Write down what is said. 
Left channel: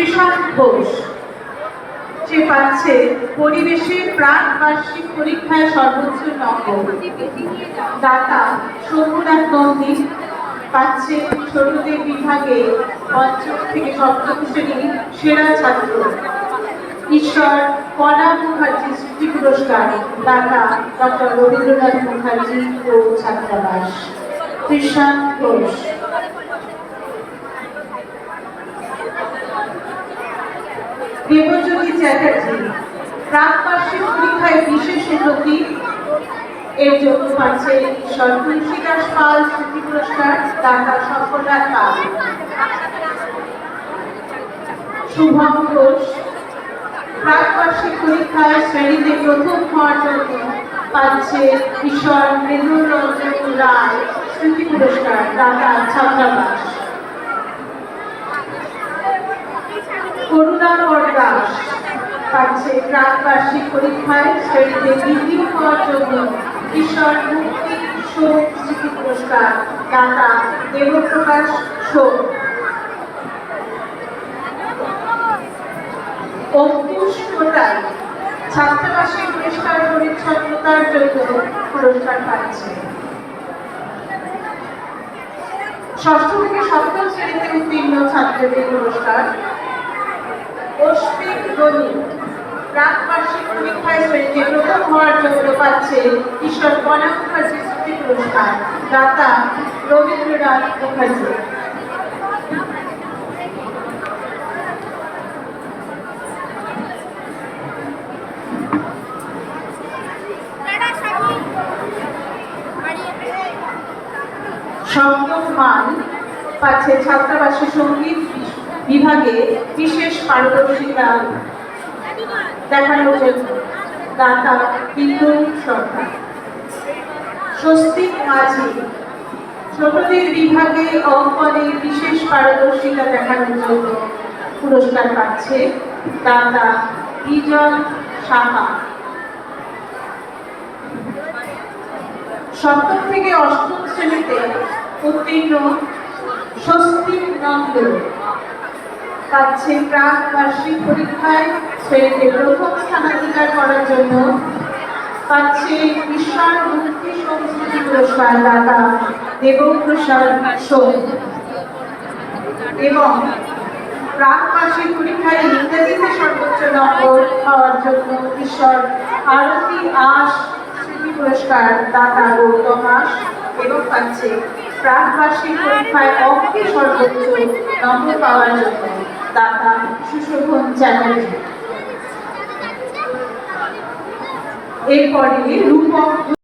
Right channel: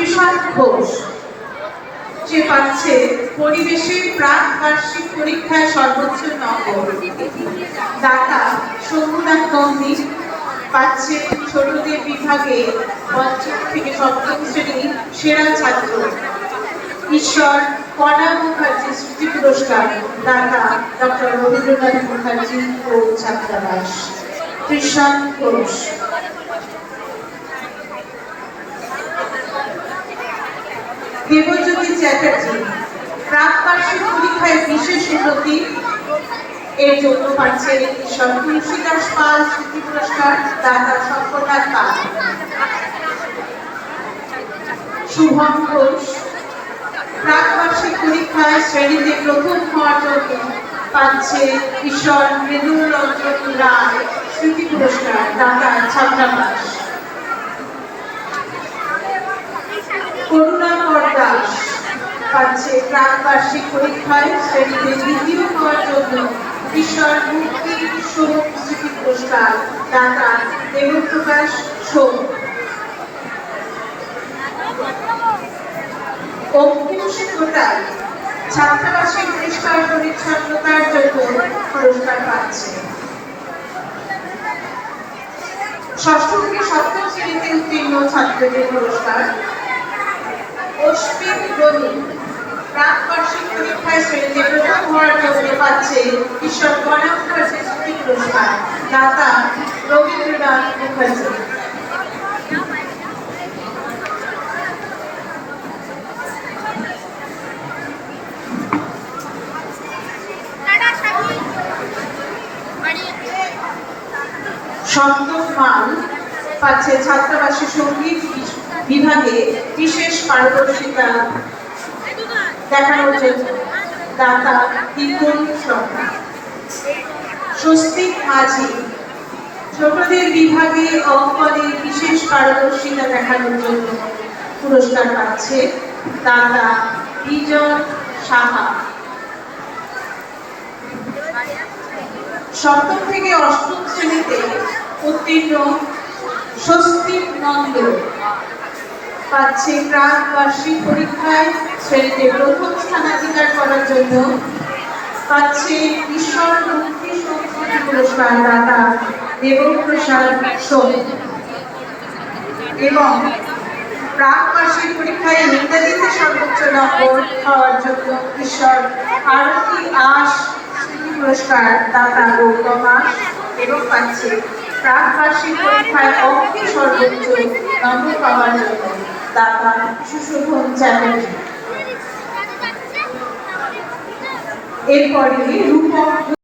কৃষাণ ঘোষ, যে পাচ্ছে পরিবেশের প্রাক বার্ষিক পরীক্ষায় সর্বোচ্চ নম্বর। দাতা শম্ভুনাথ নন্দী পাচ্ছে ছোটদের বিভাগে পঞ্চম থেকে সপ্তম শ্রেণীর সেরা ছাত্র। ঈশ্বর কণা মুখার্জি স্মৃতি পুরস্কার, দাতা ডক্টর রবীন্দ্রনাথ মুখার্জি ও ছাত্রাবাস। কৃষাণ ঘোষ। দেবজ্যোতি চ্যাটার্জি প্রাক বার্ষিক পরীক্ষায় বিশেষ উন্নতি এর জন্য পাচ্ছে ঈশ্বর তুলসীদাস পাল স্মৃতি পুরস্কার, দাতা শঙ্করনাথ পাল। শুভম ঘোষ প্রাক বার্ষিক পরীক্ষায় শ্রেণীতে প্রথম হওয়ার জন্য পাচ্ছে ঈশ্বর মৃদুল রঞ্জন রায় স্মৃতি পুরস্কার, দাতা ছাত্রাবাস। করুণাকর দাস পাচ্ছে প্রাক বার্ষিক পরীক্ষায় শ্রেণীতে দ্বিতীয় হওয়ার জন্য ঈশ্বর মুক্তি শোক স্মৃতি পুরস্কার, দাতা দেবপ্রকাশ শোক। অঙ্কুশ কোটাল ছাত্রাবাসের পরিষ্কার পরিচ্ছন্নতার জন্য পুরস্কার পাচ্ছে। ষষ্ঠ থেকে সপ্তম শ্রেণীতে উত্তীর্ণ ছাত্রদের পুরস্কার। অশ্বিন গণি প্রাক বার্ষিক পরীক্ষায় শ্রেণীতে প্রথম হওয়ার জন্য পাচ্ছে ঈশ্বর কণা মুখার্জি স্মৃতি পুরস্কার, দাতা রবীন্দ্রনাথ মুখার্জি। সপ্তম মান পাচ্ছে ছাত্রাবাসের সঙ্গীত বিভাগে বিশেষ পারদর্শিতা দেখানোর জন্য, দাতা দ্বিগুণ সরকার। স্বস্তিক মাঝি ছোটদের বিভাগে অঙ্কনে বিশেষ পারদর্শিতা দেখানোর জন্য পুরস্কার পাচ্ছে, দাতা বিজয় সাহা। সপ্তম থেকে অষ্টম শ্রেণীতে উত্তীর্ণ স্বস্তিক নন্দ পাচ্ছে প্রাক বার্ষিক পরীক্ষায় শ্রেণীতে প্রথম স্থানাধিকার করার জন্য পাচ্ছে ঈশ্বর মুক্তি সংস্কৃতি পুরস্কার, দাতা দেবপ্রসাদ সোম। এবং প্রাক বার্ষিক পরীক্ষায় ইংরেজিতে সর্বোচ্চ নম্বর পাওয়ার জন্য ঈশ্বর আরতি আশ স্মৃতি পুরস্কার, দাতা গৌতম আশ। এবং পাচ্ছে প্রাক বার্ষিক পরীক্ষায় অঙ্কে সর্বোচ্চ নম্বর পাওয়ার জন্য, দাতা সুশোভন চ্যাটার্জি। এরপরে রূপক